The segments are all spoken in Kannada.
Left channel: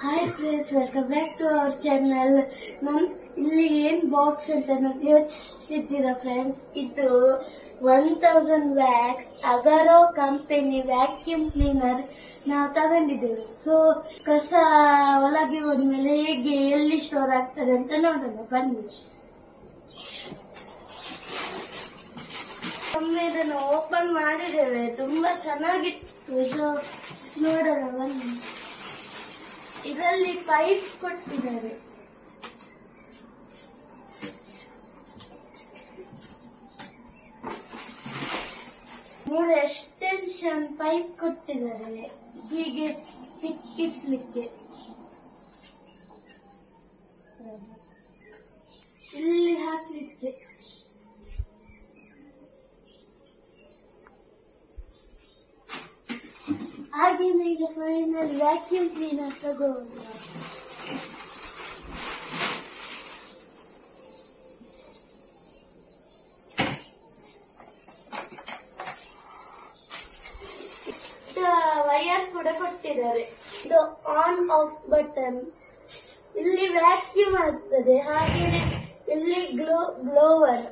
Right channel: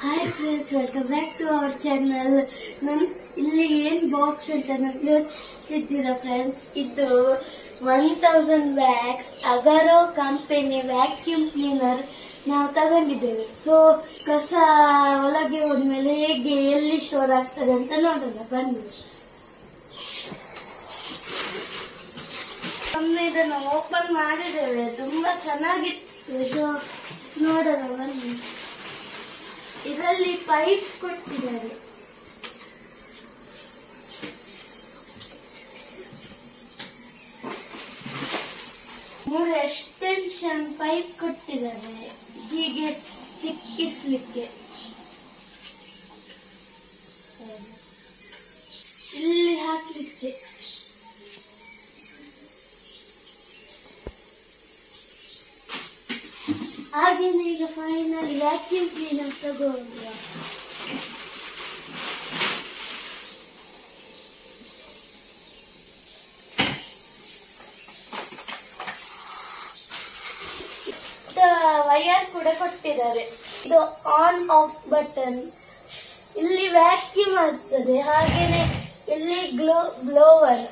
Hi friends, welcome back to our channel. ಇಲ್ಲಿ ಏನ್ ಬಾಕ್ಸ್ ಅಂತ ನಾನು ಯೋಚಿಸ್ತಿದ್ದೀರಾ ಫ್ರೆಂಡ್ಸ್, ಇದು 1000 wax Agaro company vacuum cleaner ನಾವು ತಗೊಂಡಿದ್ದೇವೆ. ಸೊ ಕಸ ಒಳಗೆ ಹೋದ್ಮೇಲೆ ಹೇಗೆ ಎಲ್ಲಿ ಸ್ಟೋರ್ ಆಗ್ತದೆ ಅಂತ ನೋಡೋಣ ಬನ್ನಿ. ಒಮ್ಮೆ ಇದನ್ನು ಓಪನ್ ಮಾಡಿದ್ದೇವೆ, ತುಂಬಾ ಚೆನ್ನಾಗಿತ್ತು. ಇದು ನೋಡೋಣ ಬನ್ನಿ. ಇದರಲ್ಲಿ ಪೈಪ್ ಕೊಟ್ಟಿದ್ದಾರೆ, ಮೂರು ಎಕ್ಸ್ಟೆನ್ಷನ್ ಪೈಪ್ ಕೊಟ್ಟಿದ್ದಾರೆ ಹೀಗೆ ಸಿಕ್ಕಿಸ್ಲಿಕ್ಕೆ. ಇಲ್ಲಿ ಹಾಕ್ಲಿಕ್ಕೆ ಹಾಗೇನೆ. ಈಗ ಫೈನಲ್ ವ್ಯಾಕ್ಯೂಮ್ ಕ್ಲೀನರ್ ತಗೊಂಡ್ರ ವೈರ್ ಕೂಡ ಕೊಟ್ಟಿದ್ದಾರೆ. ಇದು ಆನ್ ಆಫ್ ಬಟನ್, ಇಲ್ಲಿ ವ್ಯಾಕ್ಯೂಮ್ ಆಗ್ತದೆ. ಹಾಗೇನೆ ಇಲ್ಲಿ ಬ್ಲೋವರ್,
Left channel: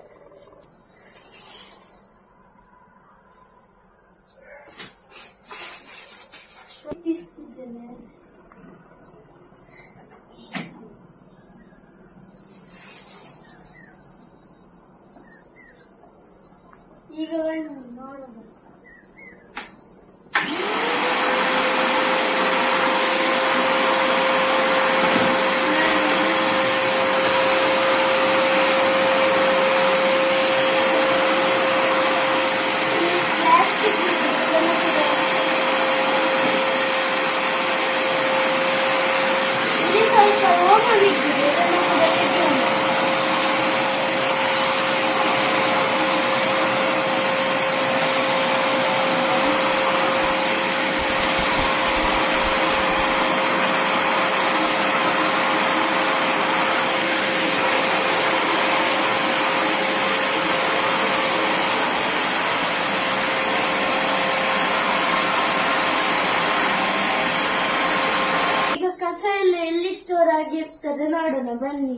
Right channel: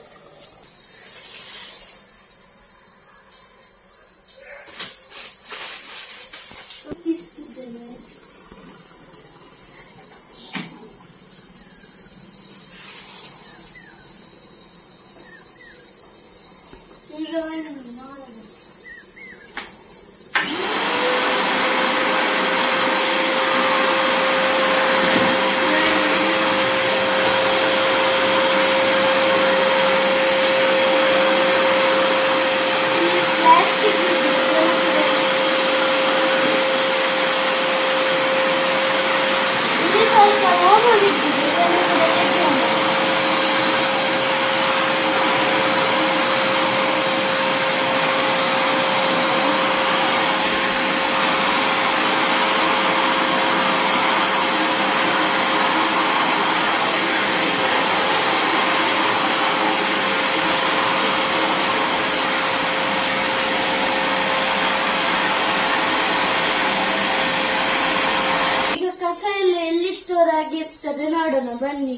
ಈಗ ಎಲ್ಲಿ ಸ್ಟೋರ್ ಆಗಿರ್ತದೆ ನೋಡೋಣ ಬನ್ನಿ.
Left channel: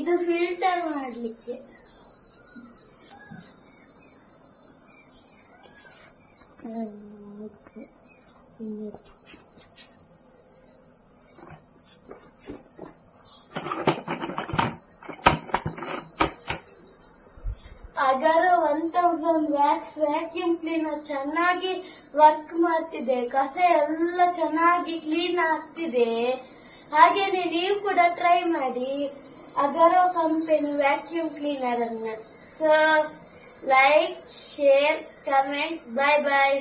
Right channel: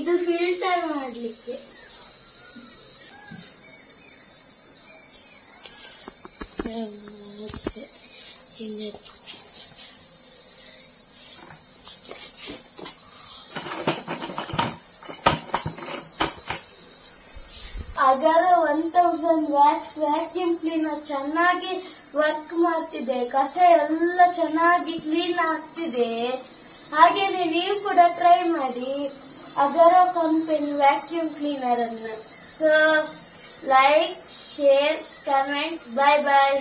ಇದು ಫಿಲ್ಟರ್ ಮಾಡಲಿಕ್ಕೆ. ಅಗರೋ 1000 ವ್ಯಾಕ್ಸ್ ವ್ಯಾಕ್ಯೂಮ್ ಕ್ಲೀನರ್ ಚೆನ್ನಾಗಿ ವರ್ಕ್ ಮಾಡ್ತಿದೆ. ಕಸ ಎಲ್ಲ ಚೆನ್ನಾಗಿ ಕ್ಲೀನ್ ಆಗ್ತಿದೆ. ಹಾಗೇನೆ ನೀವು ಕೂಡ ಟ್ರೈ ಮಾಡಿ ಅಗರೋ ಕಂಪನಿ ವ್ಯಾಕ್ಯೂಮ್ ಕ್ಲೀನರ್ ಅನ್ನು. So like, share, comment. Bye ಬಾಯ್.